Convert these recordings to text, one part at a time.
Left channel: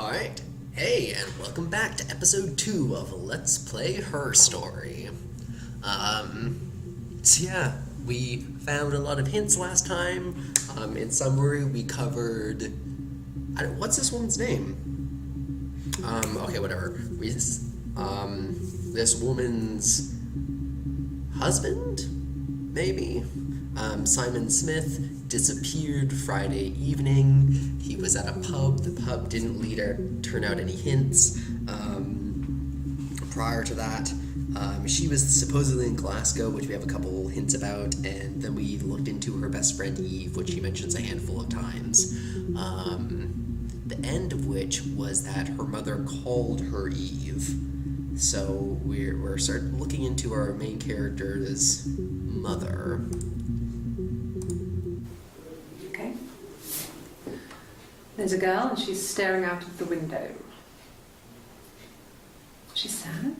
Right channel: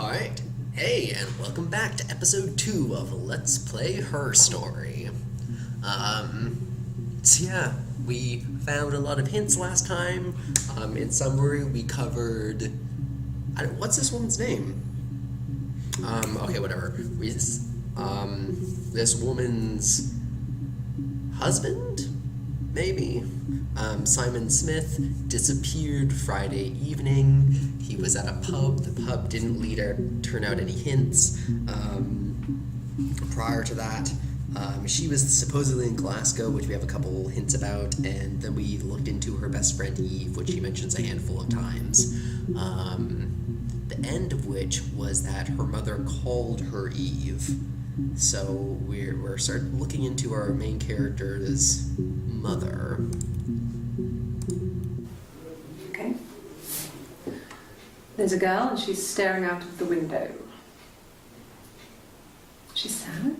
Alright, hey, and welcome back to episode 2 of Let's Play Her Story. We found a lot of hints last time. In summary, we covered... what's this woman's name? Okay, whatever. This woman's husband? Maybe? Simon Smith disappeared Friday evening. He was at a pub. The pub didn't turn out any hints. Prior to that, she was supposedly in Glasgow, which we have a couple hints about, and then we looked into her best friend Eve, which she mentions a handful of times. The end of which was that her mother called her Eve. So we're starting looking into our main character's mother. Okay. There's a girl and she's staring out of the window. She's sad.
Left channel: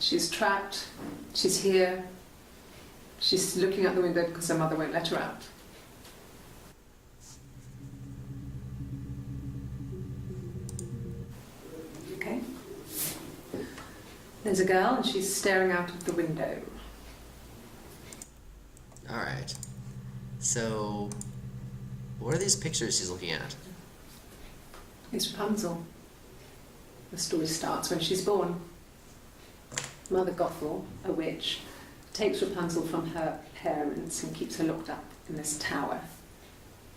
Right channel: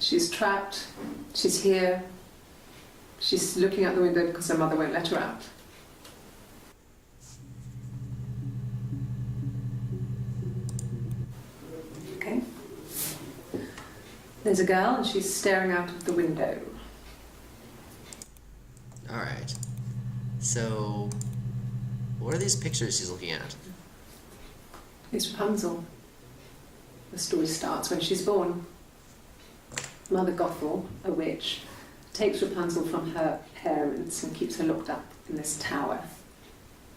She's trapped. She's here. She's looking out the window because her mother won't let her out. Okay. There's a girl and she's staring out of the window. Alright. So, what are these pictures she's looking at? It's Rapunzel. The story starts when she's born. Mother Gothel, a witch, takes Rapunzel from her parents and keeps her locked up in this tower.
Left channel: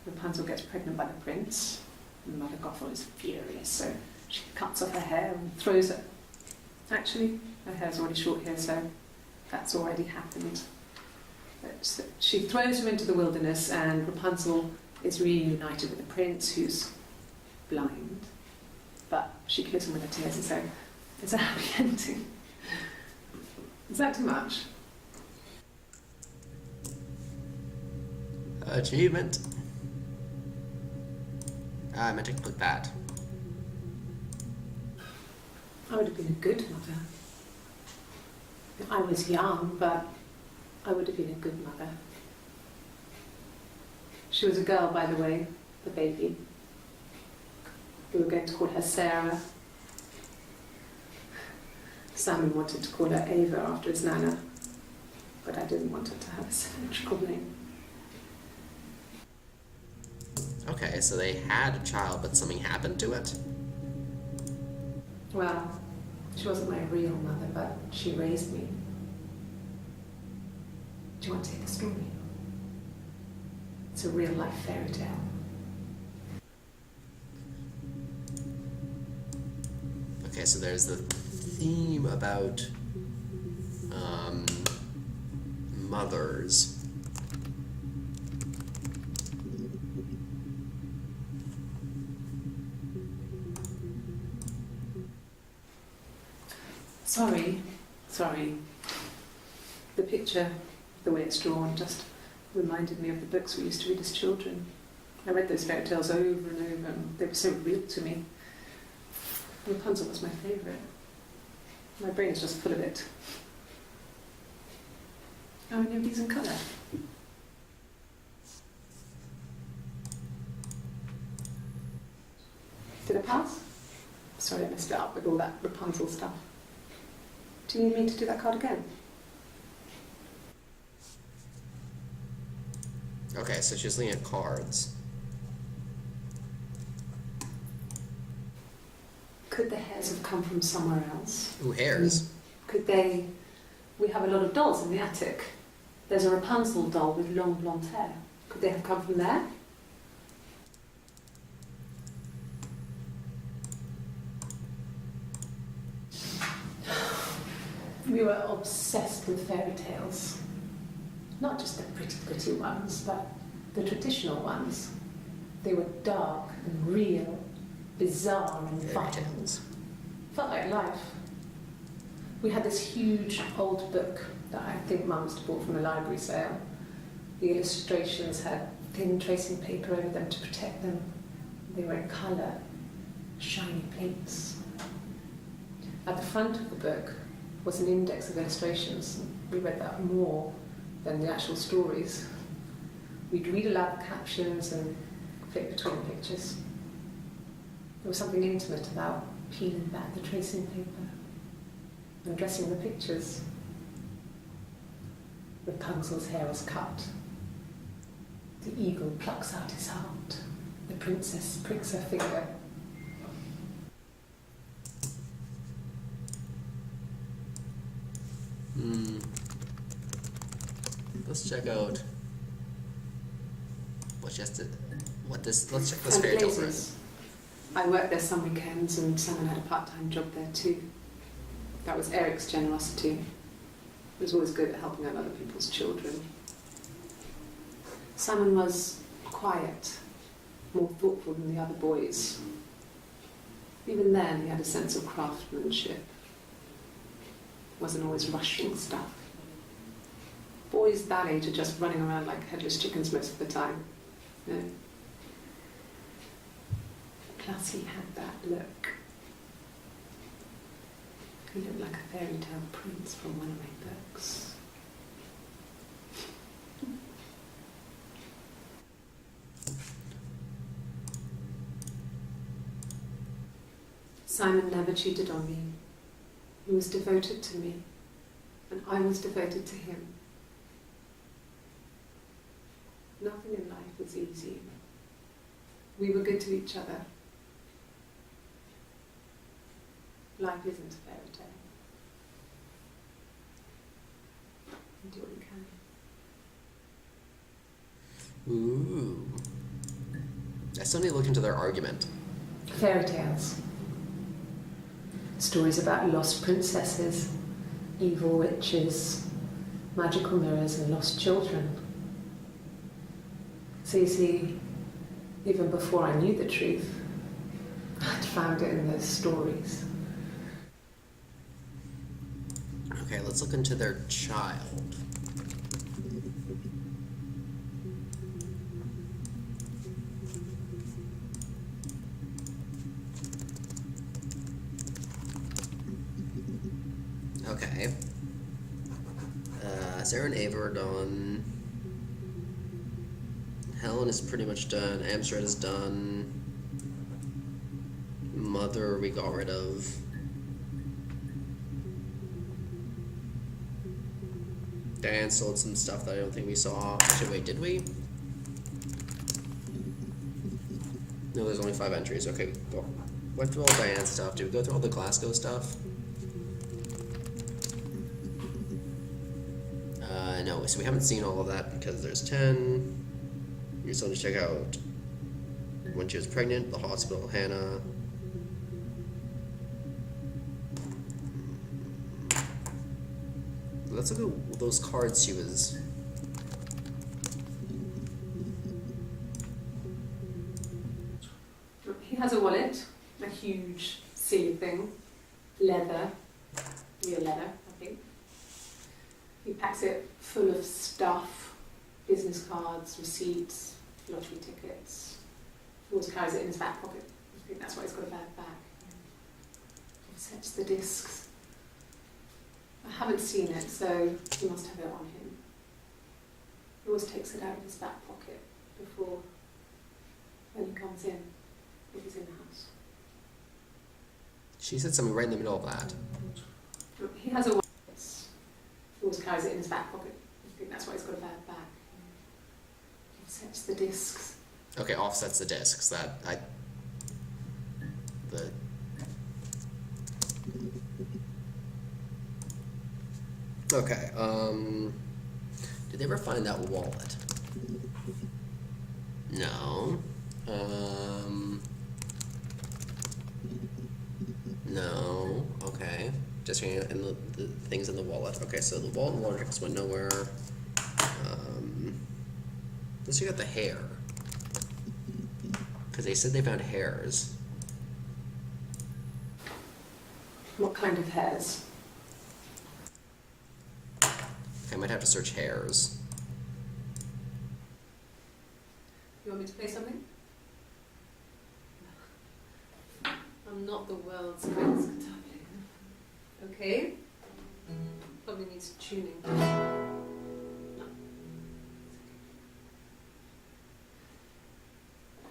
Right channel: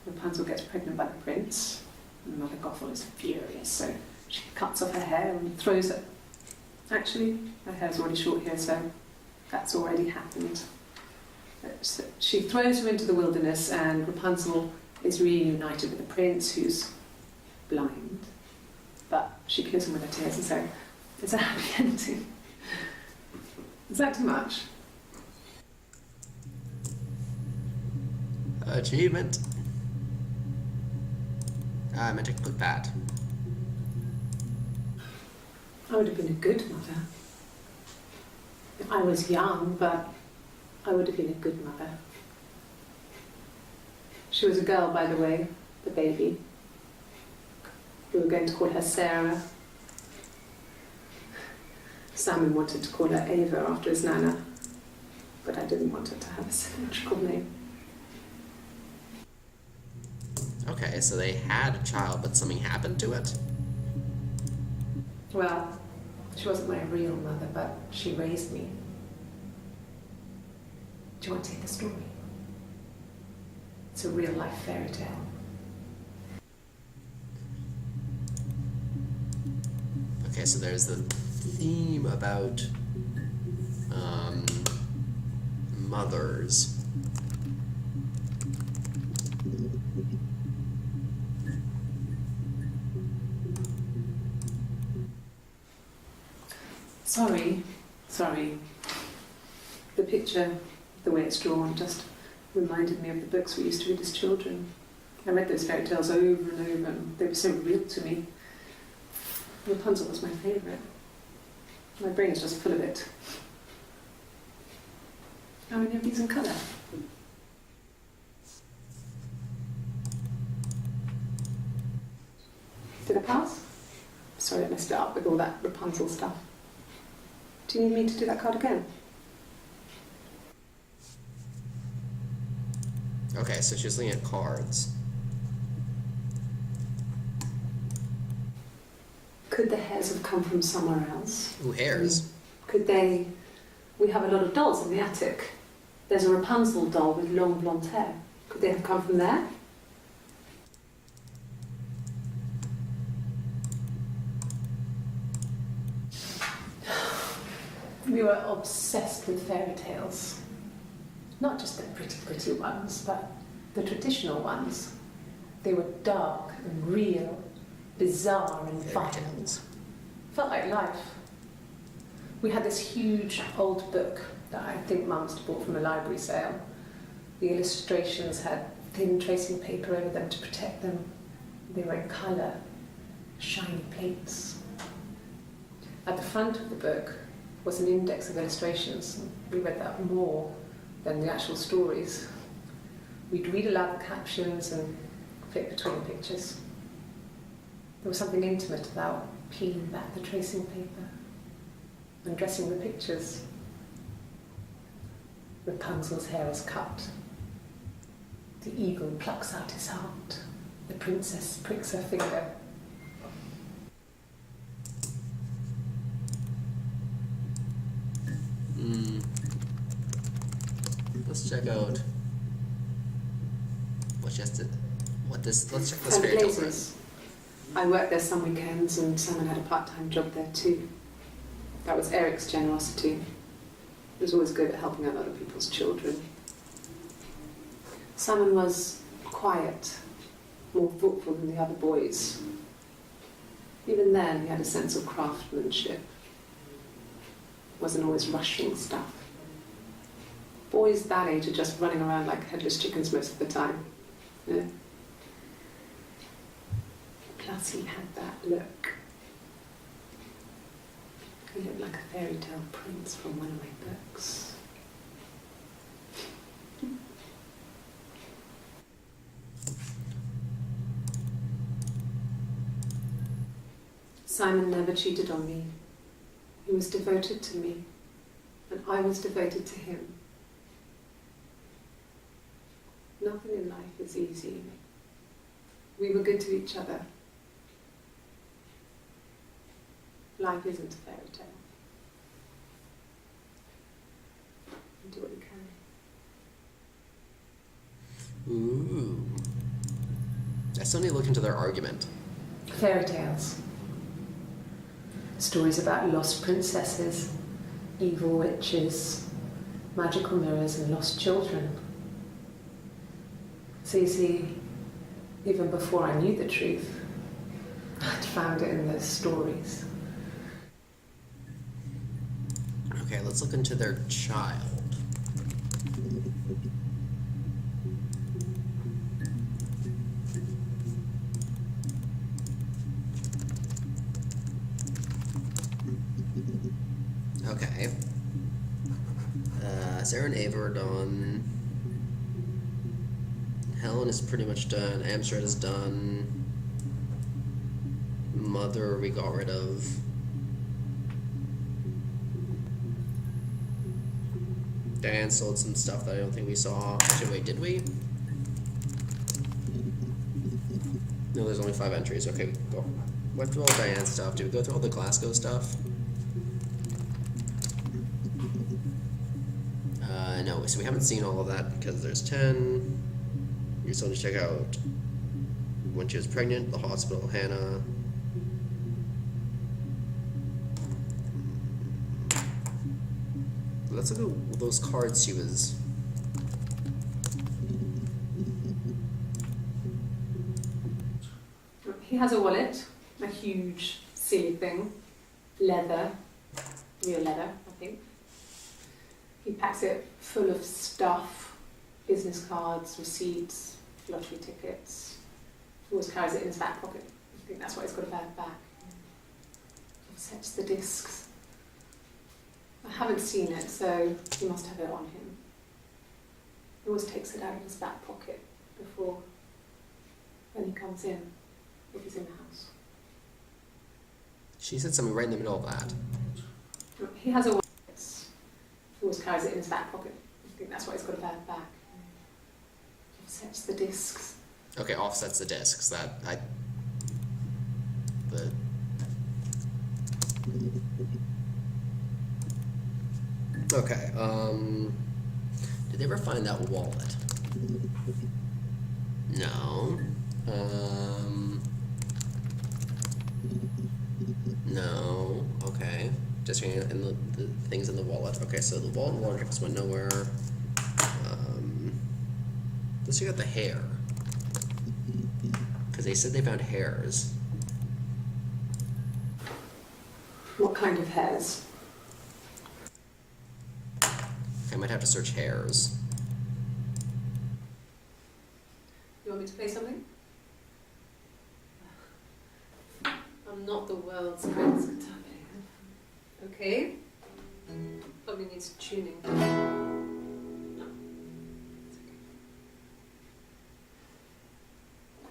Rapunzel gets pregnant by the prince, and Mother Gothel is furious, so she cuts off her hair and throws it. Actually, her hair's already short here, so that's already happened. So she throws her into the wilderness, and Rapunzel is reunited with the prince, who's blind. But she kills him with her tears, and so it's a happy ending. Is that too much? Achievement. I meant to click that. I would have been a good mother. I was young, but I would have been a good mother. She was a girl, by the way, the baby. We were going to call her Sarah. Simon wanted to call her Ava after his nana, but I didn't want her to have a symmetrical name. Okay, so they had a child, but something happened to it? Well, she wasn't my real mother, but she raised me. Do you want to hear the story? It's a real-life fairy tale. Okay, so there's the theme about mothers. Sorry. The picture, the way it's drawn, just reminded me of the books we used to read as children. I read those fairy tales over and over, and they were so real to me. Rapunzel was my favourite. My brain is just full of it. Are any of these in colour? Did I pass? Sorry, I messed it up with all that Rapunzel stuff. Do you need me to do that card again? Okay, so she's looking at cards. Could the hairs have come from somewhere else? Ooh, hairs. Could they... We have a lot of dolls in the attic. There's a Rapunzel doll with long blonde hair. Could they have come from there? We were obsessed with fairy tales. Not just the pretty ones, but the traditional ones. They were dark and real, bizarre and violent. Felt like life. We had this huge old book that I think Mum must have bought from a library sale. The illustrations had thin tracing paper over them to protect them. They were in colour, shiny plates. At the front of the book was an index of illustrations. We read that more than the actual stories. We'd read aloud the captions and flip between the pictures. There was something intimate about peeling back the tracing paper, undressing the pictures. Rapunzel's hair was cut. The eagle plucks out his heart. The princess pricks her finger. Let's check out let's check this And fairy tale Blazes. I worked there some weekends and Simon had a part-time job there too. That was Eric's generosity. He was always good at helping out other people's children. Simon was quiet, more thoughtful than the other boys. Even then, he had a sense of craftsmanship. Wasn't always rushing stuff. Boys that age are just running around like headless chickens most of the time. You know? Plus, he had that look. He looked like a fairy tale prince from one of my books. Simon never cheated on me. He was devoted to me, and I was devoted to him. Nothing in life is easy. We were good to each other. Life isn't a fairy tale. You do what you can. Ooh. I still need to look into their argument. Fairy tales. Stories about lost princesses, evil witches, magical mirrors and lost children. So you see, even before I knew the truth, I'd found it in those stories. Okay, let's look into their child. Okay. Sarah and Ava are done. Helen is pretty much done. Amstrad is done. Mother we got rid of. Diane sold some stuff that I don't think we saw. Actually, wait, did we? No, there's only 5 entries. Okay, we went through all Diane's stuff. Did we go through all the Glasgow stuff? No, so we haven't seen all of that because there's 10. You still need to check out when she was pregnant, the hospital, Hannah. Let's look at those cards she was... He has a wallet, a huge silly thing, leather, real leather, I think. He packs it full of stuff, business cards, receipts, lottery tickets. He always carries it in his back pocket. I think that's why he's got a bad back. He sets the discs. I haven't seen it, so he must have it on him. He always takes it out of his back pocket before when he comes in, if he's in the house. She said something right in the middle of that. He has a wallet. He always carries it in his back pocket. I think that's why he's got a bad back. Offsets the discs. Okay, offsets the discs. Okay, did they ever find that wallet? No. No. Okay. Just reading in the things in the wallet. Okay, so the wallet and water just went nowhere. Let's check out the hair. Because they said they found hairs. What kind of hairs? Okay, I might have to search hairs. You want me to play something? I'm not the world's greatest guitar player. Okay? Probably needs tuning. No. It's okay.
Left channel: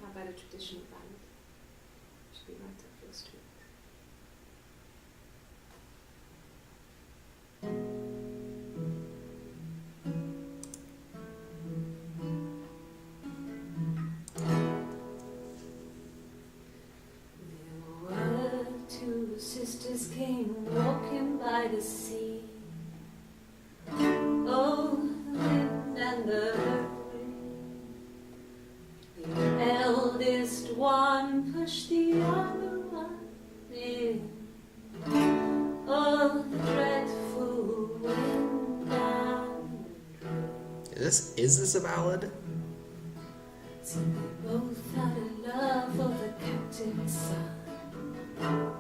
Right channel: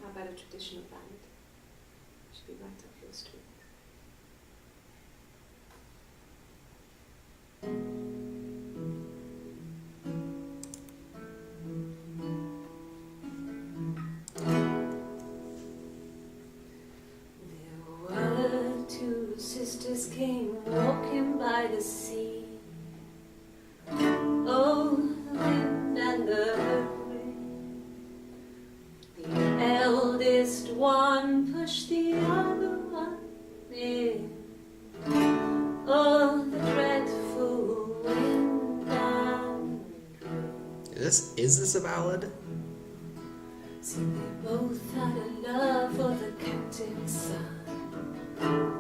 How about a traditional ballad? be right up your street. Two sisters came walking by the sea. Oh, the wind and the rain. The eldest one pushed the other one in. Oh, the dreadful wind and rain. Is this a ballad? See, they both had a love for the captain's son.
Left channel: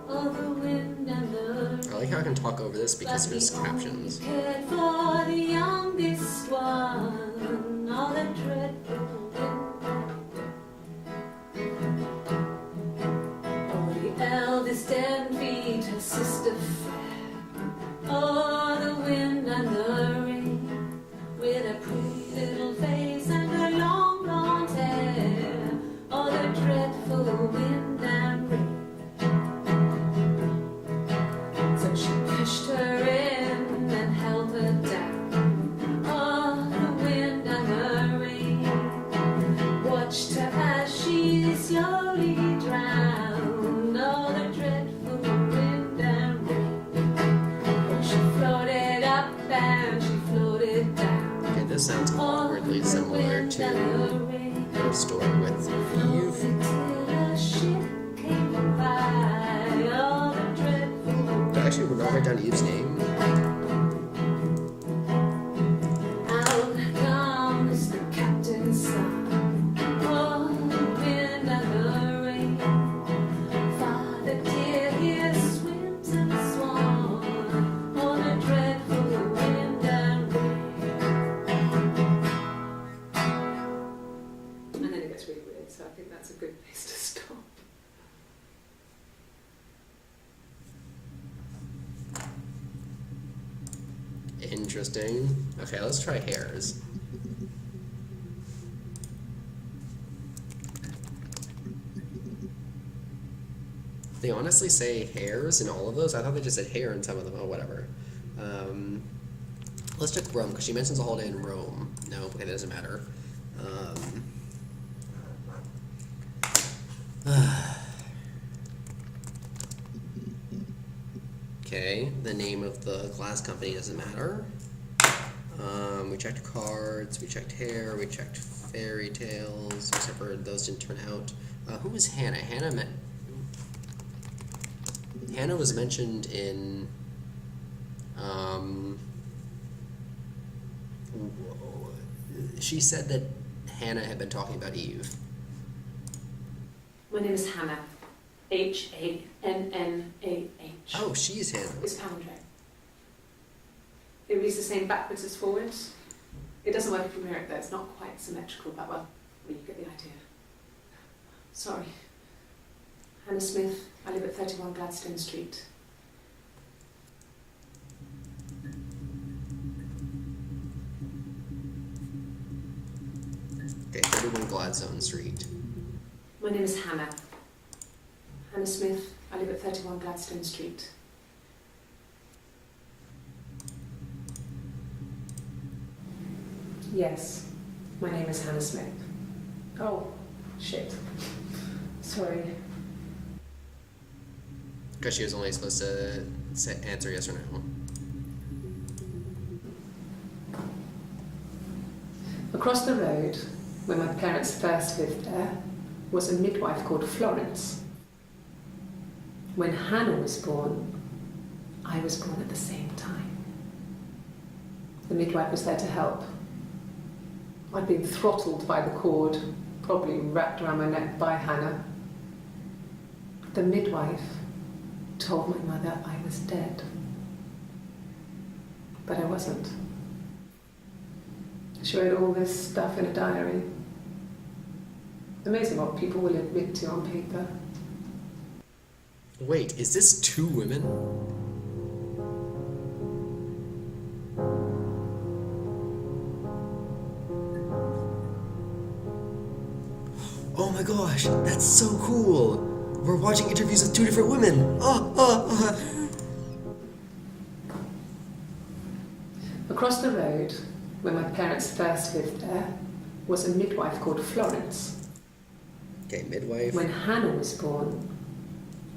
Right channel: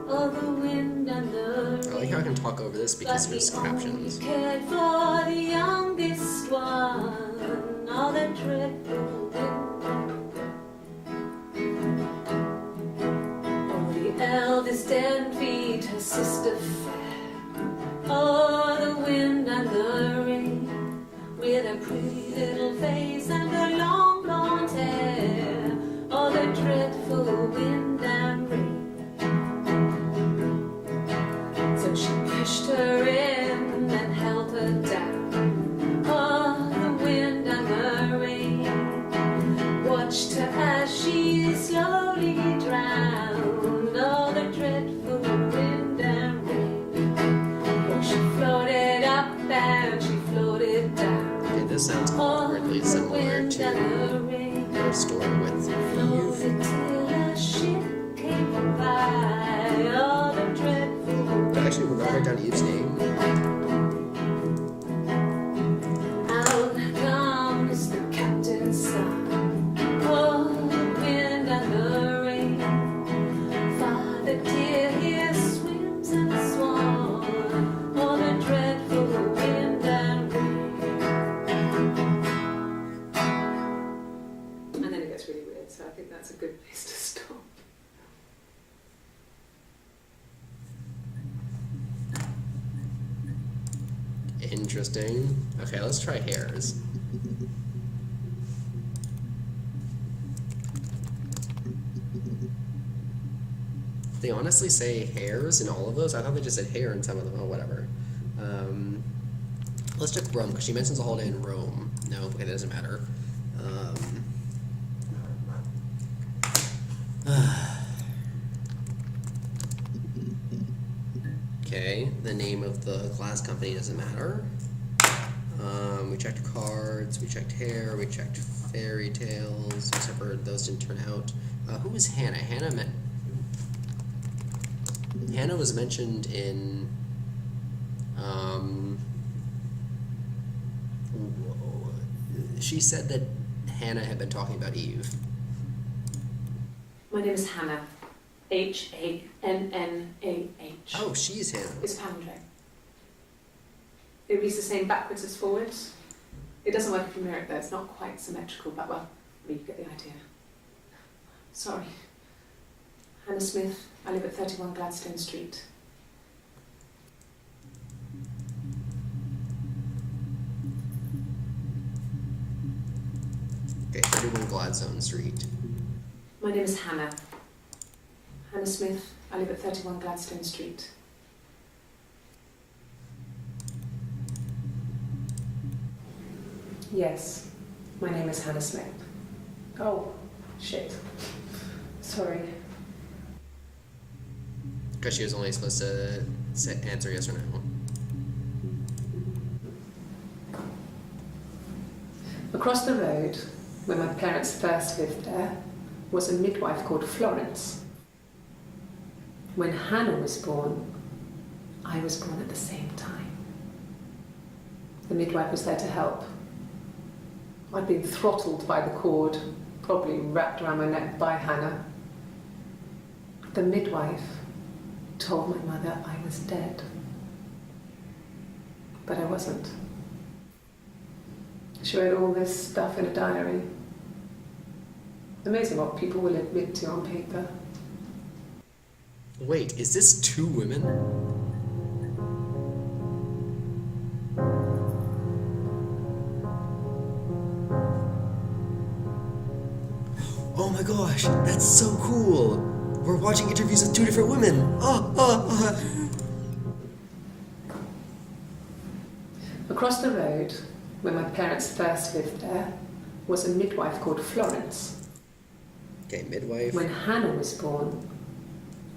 Oh, the wind and the rain. I like how I can talk over this because there's captions. Cared for the youngest one. Oh, the dreadful wind. Oh, the eldest envied her sister fair. Oh, the wind and the rain, with a pretty little face and her long blonde hair. Oh, the dreadful wind and rain. She pushed her in and held her down. Oh, the wind and the rain watched her as she slowly drowned. Oh, the dreadful wind and rain. Oh, she floated up and she floated down. Okay, this sounds awkwardly similar to her story with Eve. Till a ship came by. Oh, the dreadful. Actually, we're not write down Eve's name. Out comes the captain's son. Oh, the wind and the rain. Father dear, here swims and swan. Oh, the dreadful wind and rain. And then it gets really weird, so I think that's a good place to stop. Interesting. Okay, let's try hairs. They honestly say hairs in all of those? I thought they just said hair in some of them. Oh, whatever. Let's check Rome, because she mentions a holiday in Rome. No, okay, that doesn't matter. Okay, the name of the glass company doesn't matter. We checked cards, we checked hair, we checked fairy tales, except for those didn't turn out. Who was Hannah? Hannah was mentioned in she said that Hannah had been talking about Eve. My name is Hannah. H-A-N-N-A-H. Oh, she's Hannah. It's palindrome. It reads the same backwards as forwards. It doesn't work if you mirror it though, it's not quite symmetrical, but well, you get the idea. Sorry. Hannah Smith, I live at 31 Gladstone Street. Okay, 31 Gladstone Street. My name is Hannah. Hannah Smith, I live at 31 Gladstone Street. Yes, my name is Hannah Smith. Oh, shit. Sorry. Because she was only supposed to answer yes or no. Across the road, where my parents first lived there, was a midwife called Florence. When Hannah was born, I was born at the same time. The midwife was there to help. I'd been throttled by the cord, probably wrapped around my neck by Hannah. The midwife told my mother I was dead. But I wasn't. She wrote all this stuff in a diary. Amazing what people will admit to on paper. Wait, is this two women? Oh my gosh, that's so cool! we're watching interviews with two different women. Across the road, where my parents first lived there, was a midwife called Florence. Okay, midwife. When Hannah was born,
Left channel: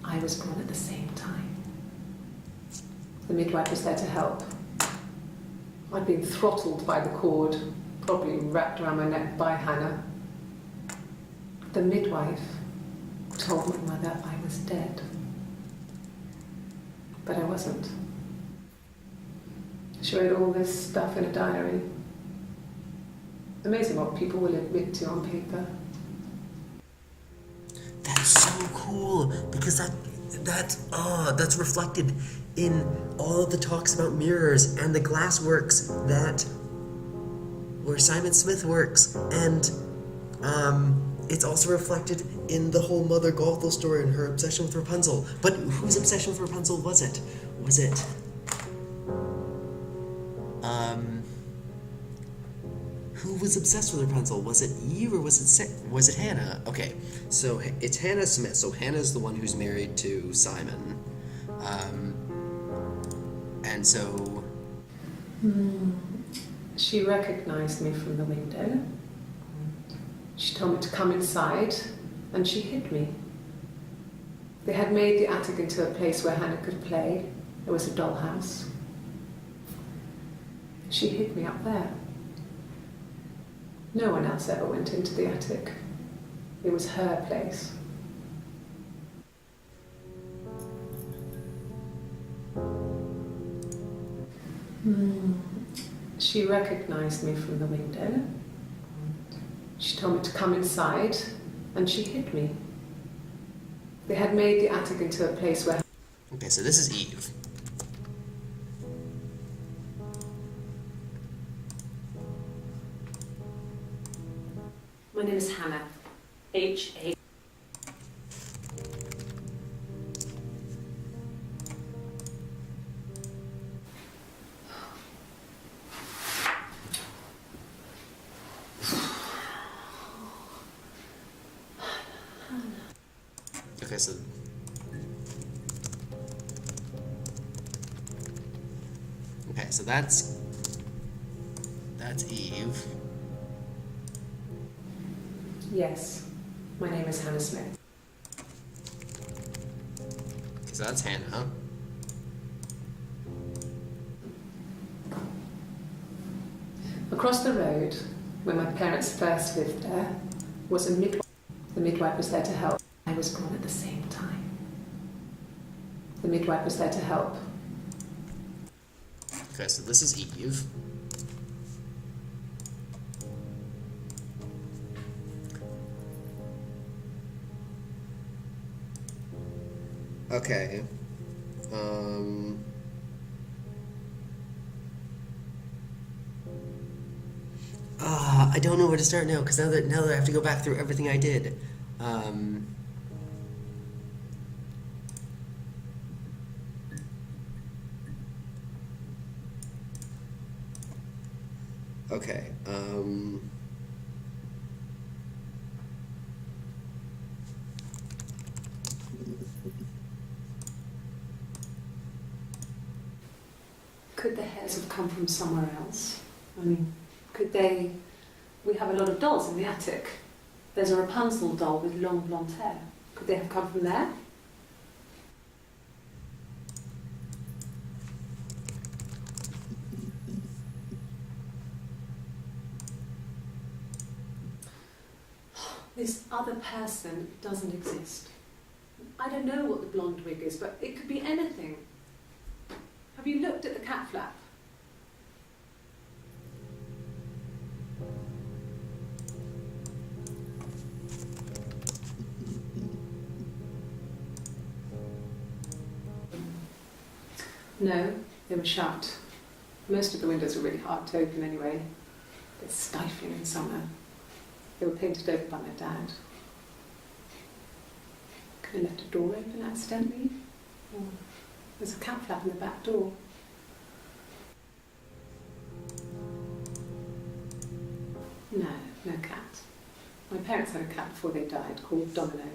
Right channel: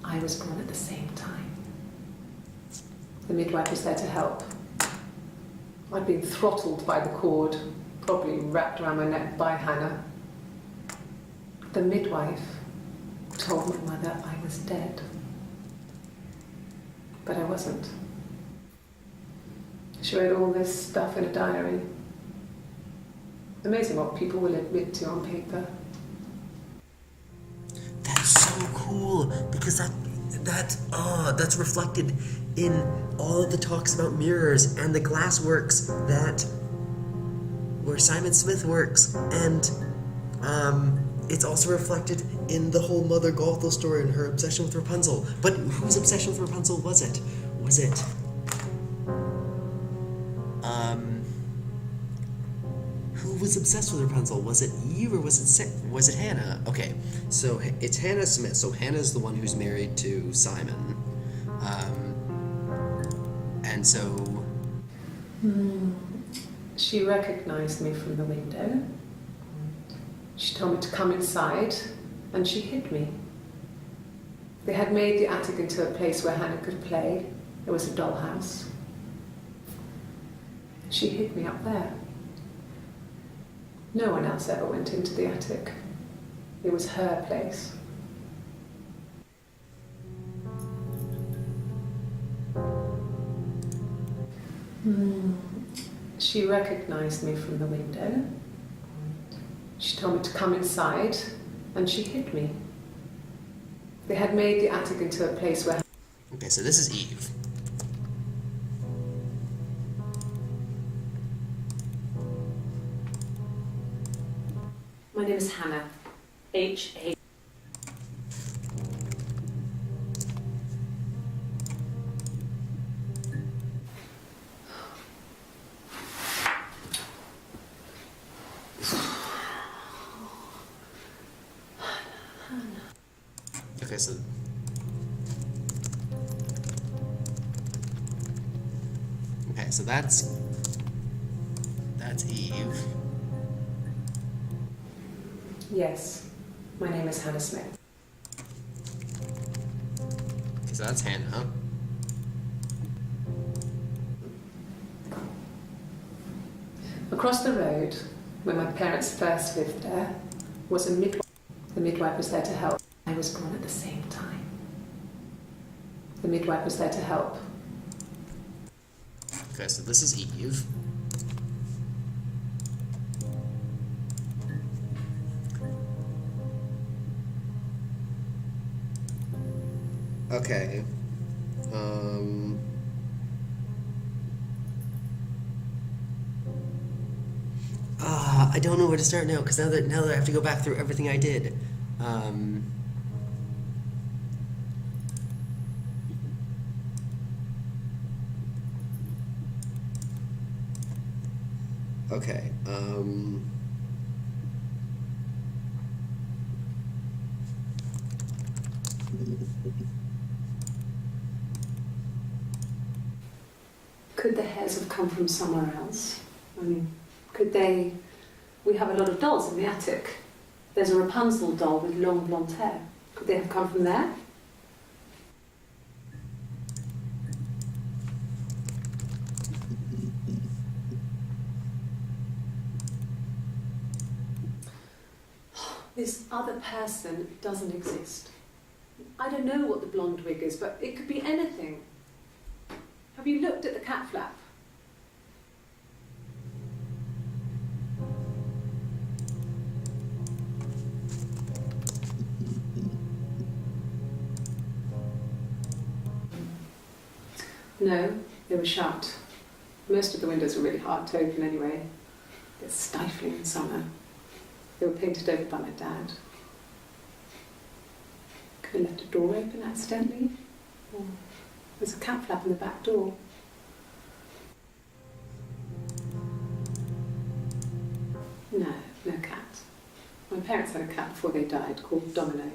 I was born at the same time. The midwife was there to help. I'd been throttled by the cord, probably wrapped around my neck by Hannah. The midwife told my mother I was dead. But I wasn't. She wrote all this stuff in a diary. Amazing what people will admit to on paper. That's so cool, because that's reflected in all of the talks about mirrors and the glass works that where Simon Smith works, and it's also reflected in the whole Mother Gothel story and her obsession with Rapunzel. But whose obsession with Rapunzel was it? Who was obsessed with Rapunzel? Was it Eve or was it Hannah? Okay, so it's Hannah Smith. So Hannah's the one who's married to Simon, and so She recognized me from the window. She told me to come inside, and she hid me. They had made the attic into a place where Hannah could play. There was a dollhouse. She hid me up there. No one else ever went into the attic. It was her place. She recognized me from the window. She told me to come inside, and she hid me. They had made the attic into a place where... Okay, so this is Eve. My name is Hannah. H-A... Okay, so that's Eve. Yes, my name is Hannah Smith. Okay, so that's Hannah. Across the road, where my parents first lived there, was a midwife. The midwife was there to help. I was born at the same time. The midwife was there to help. Okay, so this is Eve. Okay. I don't know where to start now, because now that I have to go back through everything I did. Okay. Could the hairs have come from somewhere else? I mean, could they... We have a lot of dolls in the attic. There's a Rapunzel doll with long blonde hair. Could they have come from there? This other person doesn't exist. I don't know what the blonde wig is, but it could be anything. Have you looked at the cat flap? No, they were shut. Most of the windows were really hard to open anyway. They're stifling in summer. They were painted over by my dad. Could have left a door open accidentally. Or there's a cat flap in the back door. No, no cat. My parents had a cat before they died called Domino.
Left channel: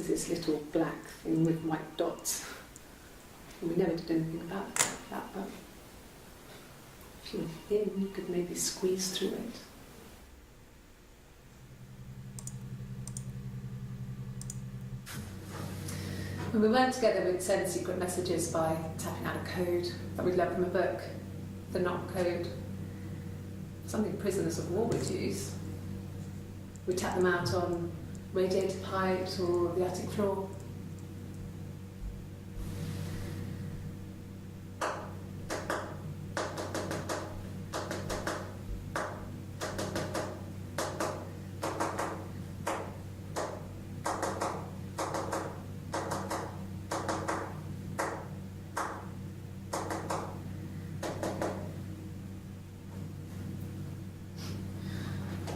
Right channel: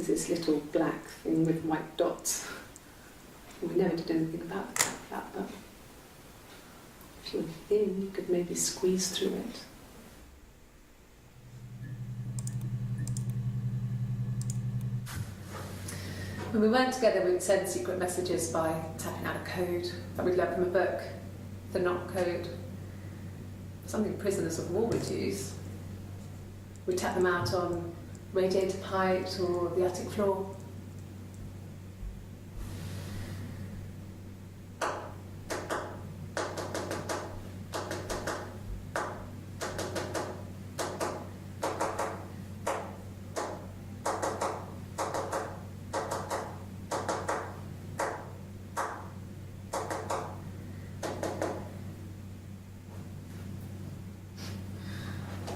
was this little black thing with white dots. And we never did anything about that, but if you were thin, you could maybe squeeze through it. When we weren't together, we'd send secret messages by tapping out a code that we'd learned from a book, the knock code, something prisoners of war would use. We'd tap them out on radiator pipes or the attic floor.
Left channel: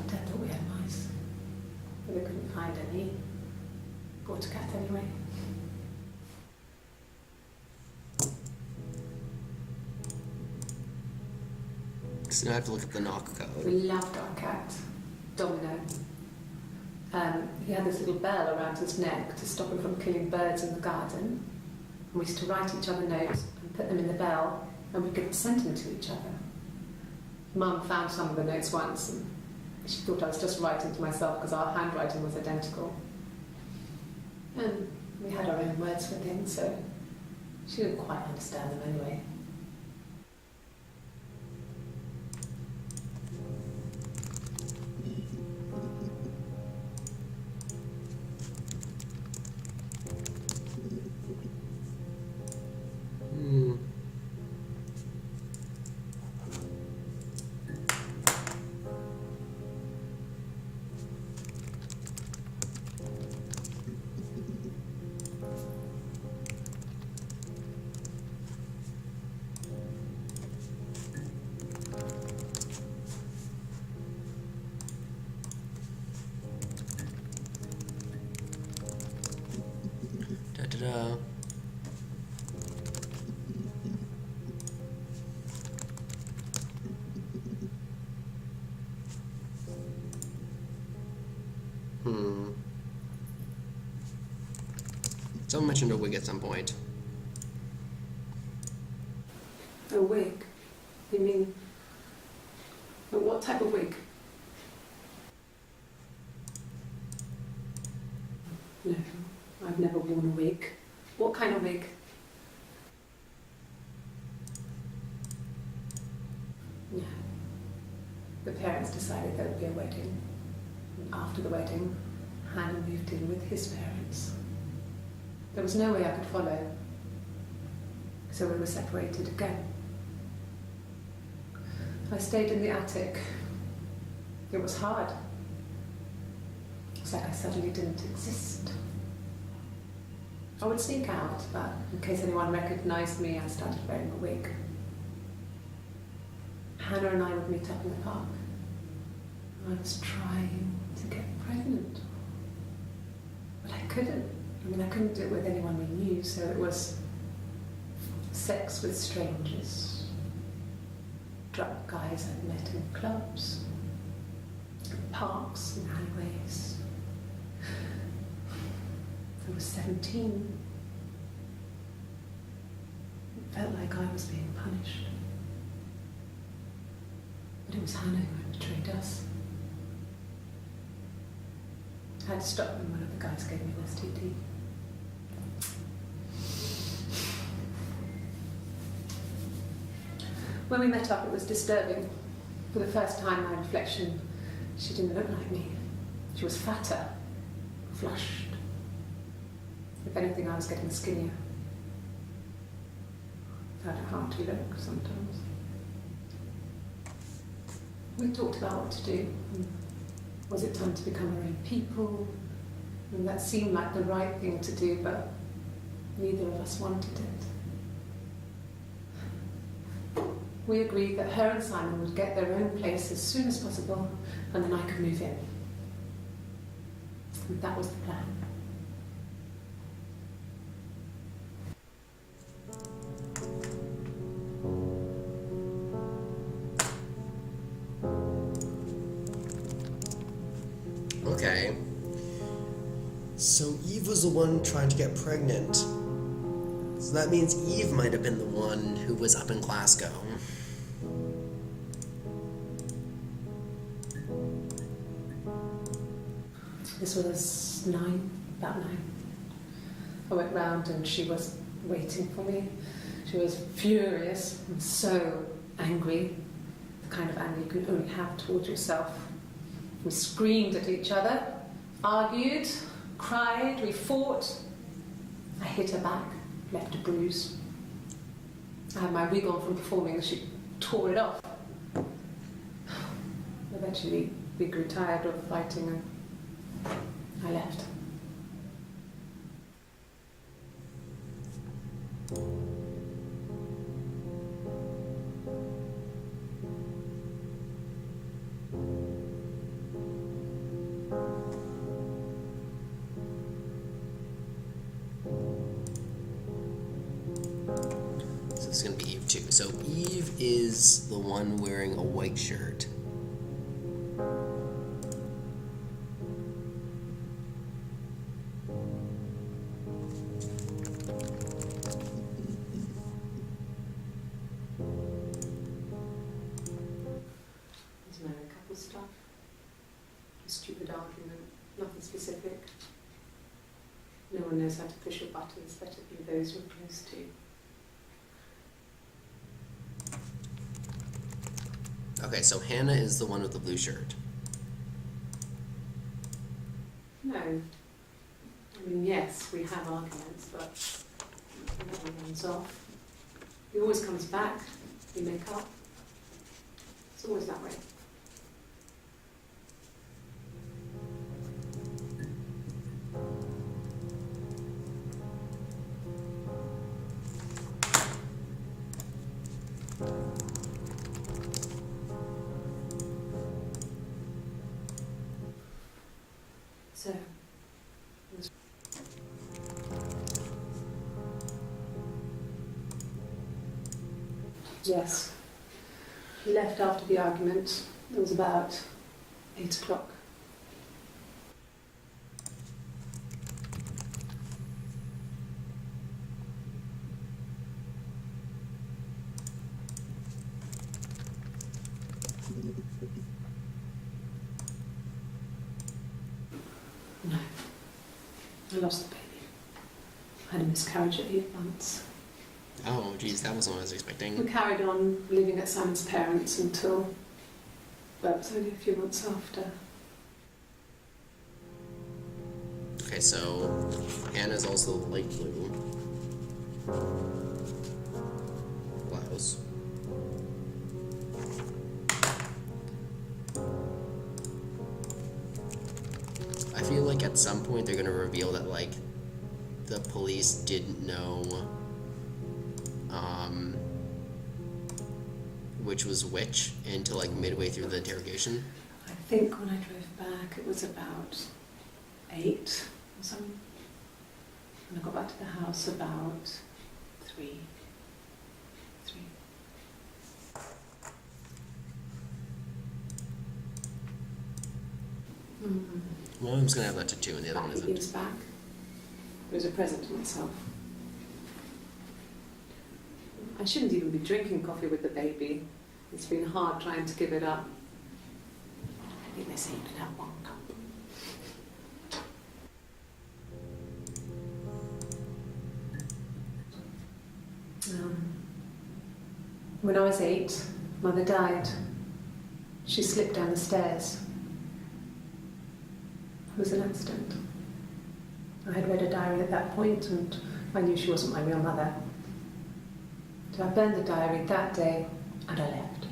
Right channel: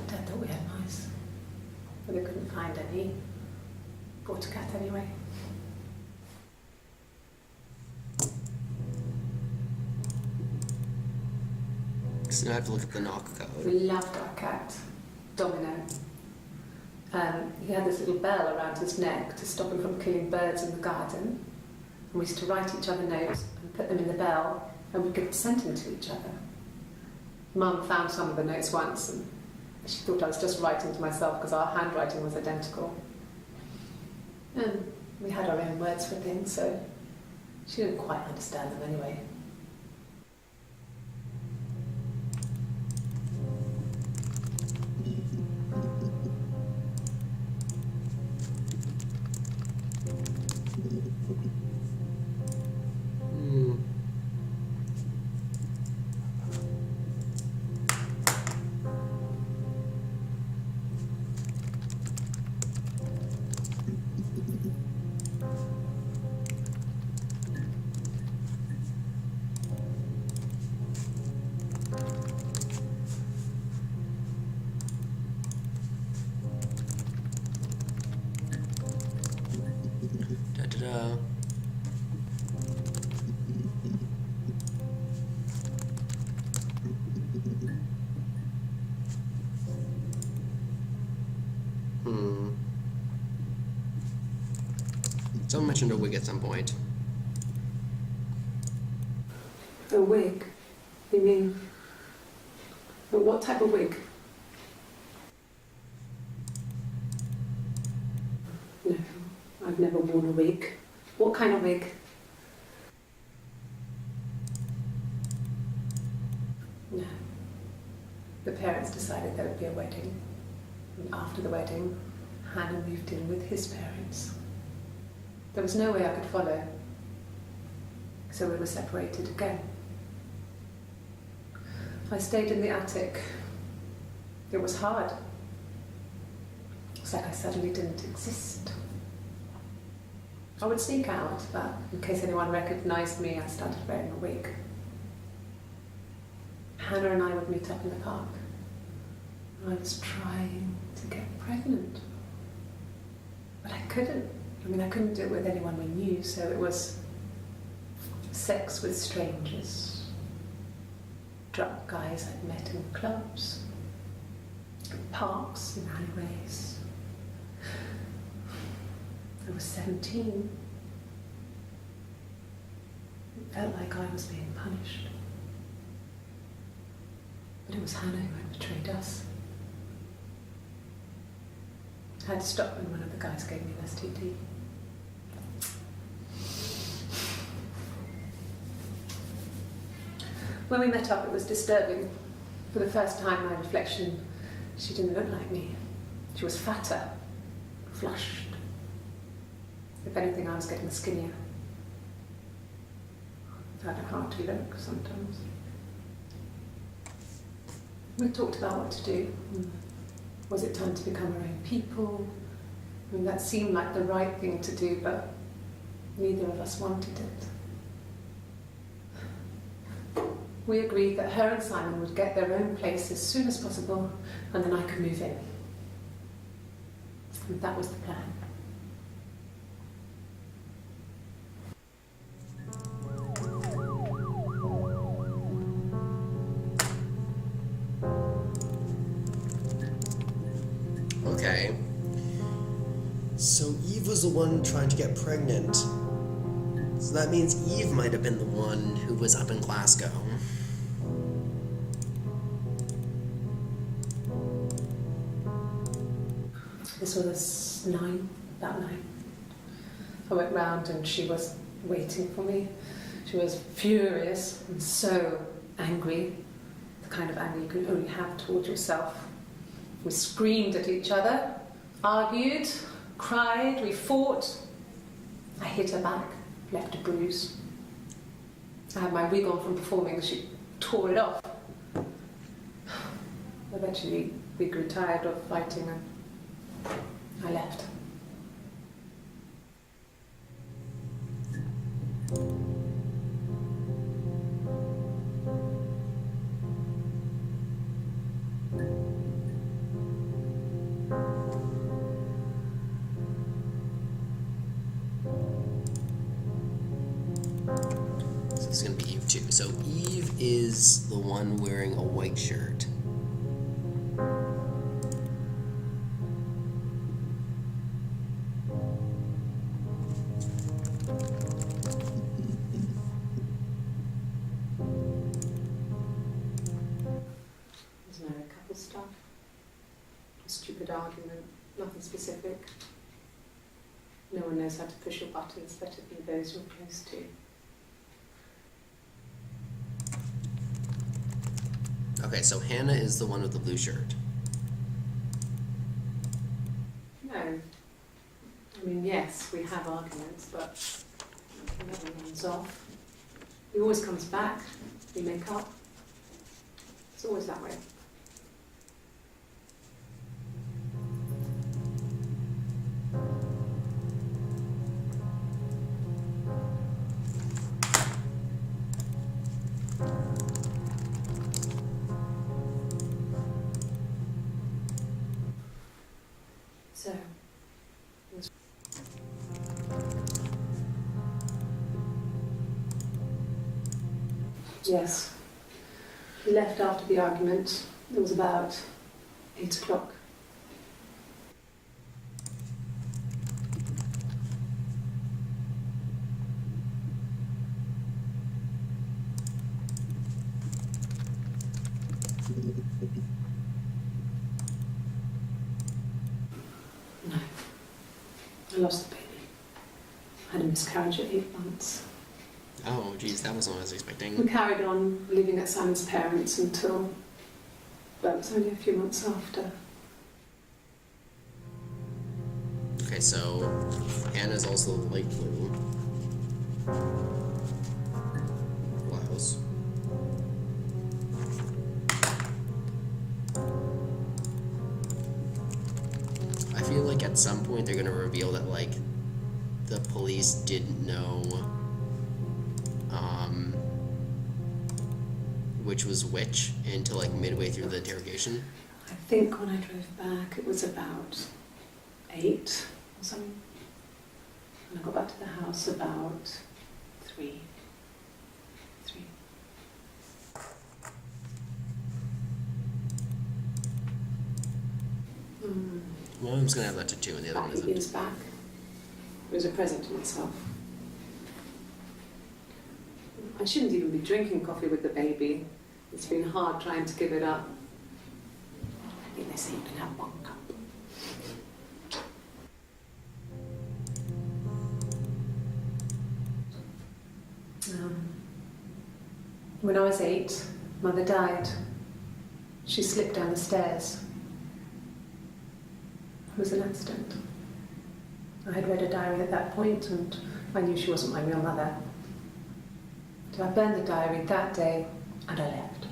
Dad thought we had mice, but we couldn't find any. Bought a cat anyway. So now I have to look up the knock We code. loved our cat, Domino. He had this little bell around his neck to stop him from killing birds in the garden. And we used to write each other notes and put them in the bell, and we could send them to each other. Mum found some of the notes once, and she thought I was just writing to myself because our handwriting was identical. And we had our own words for things, so she didn't quite understand them anyway. Hmm. Da da da. Hmm. Someone mentioned a wig at some point. A wig? You mean... But what type of wig? No, I've never worn a wig. What kind of wig? No. The parents decided there would be a wedding. And after the wedding, Hannah moved in with his parents. There was no way I could follow. So we were separated again. I stayed in the attic. It was hard. It's like I suddenly didn't exist. I would sneak out, but in case anyone recognised me, I started wearing a wig. Hannah and I would meet up in the park. I was trying to get pregnant. But I couldn't. I mean, I couldn't do it with anyone we knew, so it was sex with strangers. Drunk guys I'd met in clubs, in parks, in alleyways. I was 17. It felt like I was being punished. But it was Hannah who had betrayed us. I had to stop when one of the guys gave me an STD. When we met up, it was disturbing. For the first time, my reflection, she didn't look like me. She was fatter, flushed. If anything, I was getting skinnier. I found it hard to look sometimes. We talked about what to do. Was it time to become our own people? I mean, that seemed like the right thing to do, but neither of us wanted it. We agreed that her and Simon would get their own place as soon as possible, and then I could move in. And that was the plan. Okay. So Eve was the one trying to get pregnant. So that means Eve might have been the one who was up in Glasgow. This was about 9. I went round and she was waiting for me. She was furious and so angry, the kind of anger you can only have towards yourself. We screamed at each other, argued, cried, we fought. I hit her back, left a bruise. I had my wig on from performing, she tore it off. Eventually we grew tired of fighting and I left. So this is going to be Eve too. So Eve is the one wearing a white shirt. There's married couple stuff. A stupid argument, nothing specific. No one knows how to push your buttons better than those you're close to. Okay, so Hannah is the one with the blue shirt. No. I mean, yes, we have arguments, but it never runs off. He always comes back. We make up. It's always that way. So, yes, he left after the argument. It was about 8 o'clock. No, I lost the baby. I had a miscarriage at 8 months. Oh, geez, that wasn't what I was expecting. We carried on living at Simon's parents until, well, it was only a few months after. Okay, so Hannah's also the light blue blouse. I feel like at some point they're gonna reveal that like the police didn't know which was which until like midway through the interrogation. I think when I drove back it was about 8 or something. And I got back to the house about 3. One of them's gonna have that tattoo and the other one Back isn't. years back. It was a present to myself. I shouldn't even be drinking coffee with the baby. It's been hard trying to give it up. I think they say you can have 1 cup. When I was 8, Mother died. She slipped down the stairs. It was an accident. I had read a diary at that point and I knew she wasn't my real mother. So I burned the diary that day and I left.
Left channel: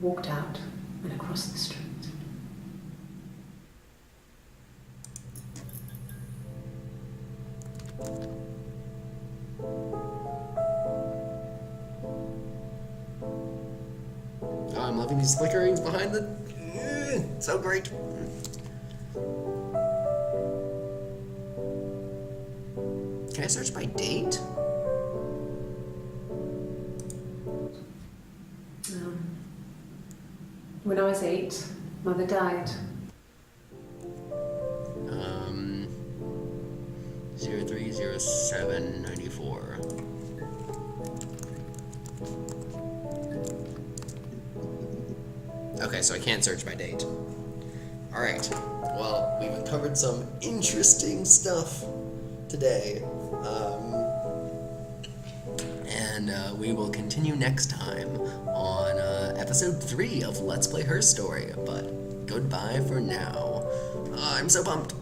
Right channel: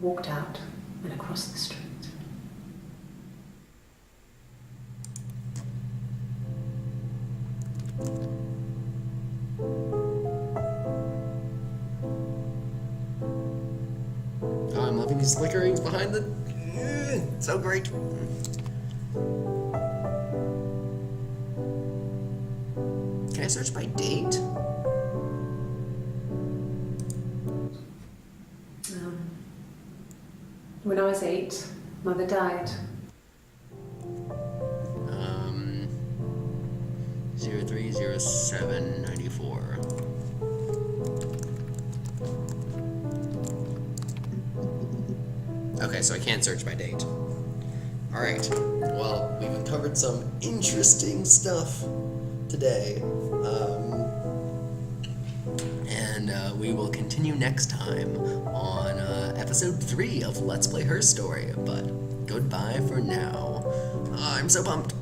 Walked out and across the street. Oh, I'm loving these flickerings behind the... so great. Can I search by date? When I was 8, Mother died. 030794. Okay, so I can't search by date. Alright, well, we've uncovered some interesting stuff today. And we will continue next time on episode 3 of Let's Play Her Story. But goodbye for now. I'm so pumped.